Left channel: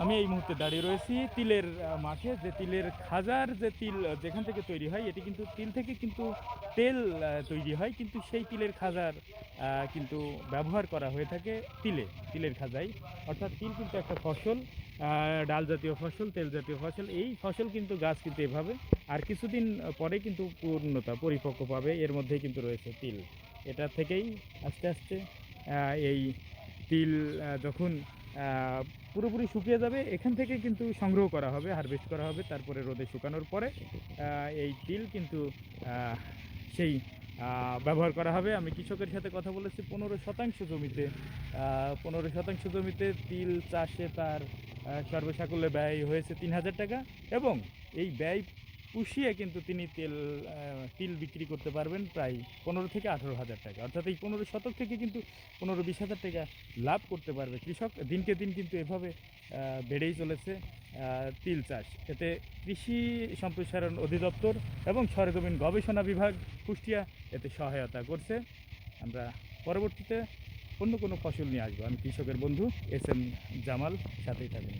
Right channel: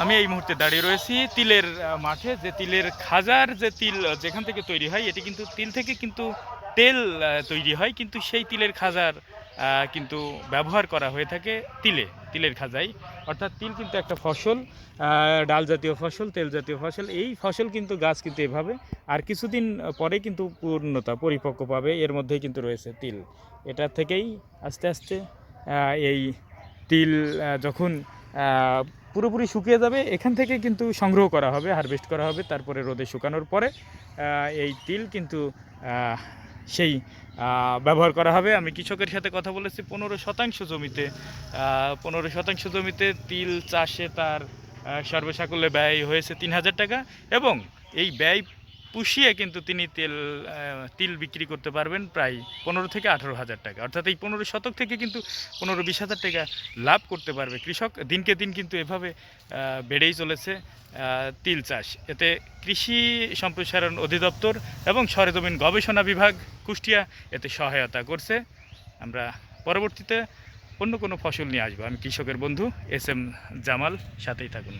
আমি এই মুহূর্তে দাঁড়িয়ে রয়েছি তিলের মাঠে। যে তিলের খাজার যে তিল যেখান থেকে তৈরি হয়, এটি কিন্তু তিল থেকে কিন্তু তেল তৈরি হয়, কিন্তু সেই তিলের খাজার কিন্তু ব্যবহার করা হয়ে থাকে তিলের খাজায়। অর্থাৎ তিল কিন্তু একটা ফসল, ডাল জাতীয় ফসল, তেল জাতীয় ফসল। এই ফসল কিন্তু গাছ কিন্তু এভাবে আর কিছুদিন পরে কিন্তু পরিপক্ক পাবে। এর মধ্যেই কিন্তু রয়েছে তিল। এটা থেকেই আস্তে আস্তে এই তিল যখন আহ, পুরোপুরি শুকিয়ে যাবে, এখান থেকে কিন্তু সংগ্রহ করা হবে, হারভেস্ট করা হবে। তারপরে রোদে শুকানোর পরে এই তিল কিন্তু আহ, সেই ব্যবহার করা হবে। আমি কৃষকের সাথে কথা বলেছি, 15% জমিতে 15% জমিতে তিল চাষে তার সর্বসাকুল্যে ব্যয় হয়েছে 3,000 টাকা। এবং এই ব্যয় পুষিয়ে কিন্তু তিনি তিল বিক্রি করতে পারবেন প্রায় 15 থেকে 18 হাজার টাকা। অর্থাৎ এই 15 শতক থেকে কিন্তু 15-20 হাজার টাকা লাভ করতে পারবে কৃষক। দিনকে দিন কিন্তু এভাবে বেড়েই চলেছে তিল চাষ। এতে কৃষি সম্প্রসারণ অধিদপ্তর এবং সরেজমিন গবেষণা বিভাগ কুষ্টিয়া এতে সহায়তা করছে। আমরা পরবর্তীতে অন্য কোনো ফসল নিয়ে আসবো। আমি কৃষকের বন্ধু এস এম জামাল, সাথেই থাকুন।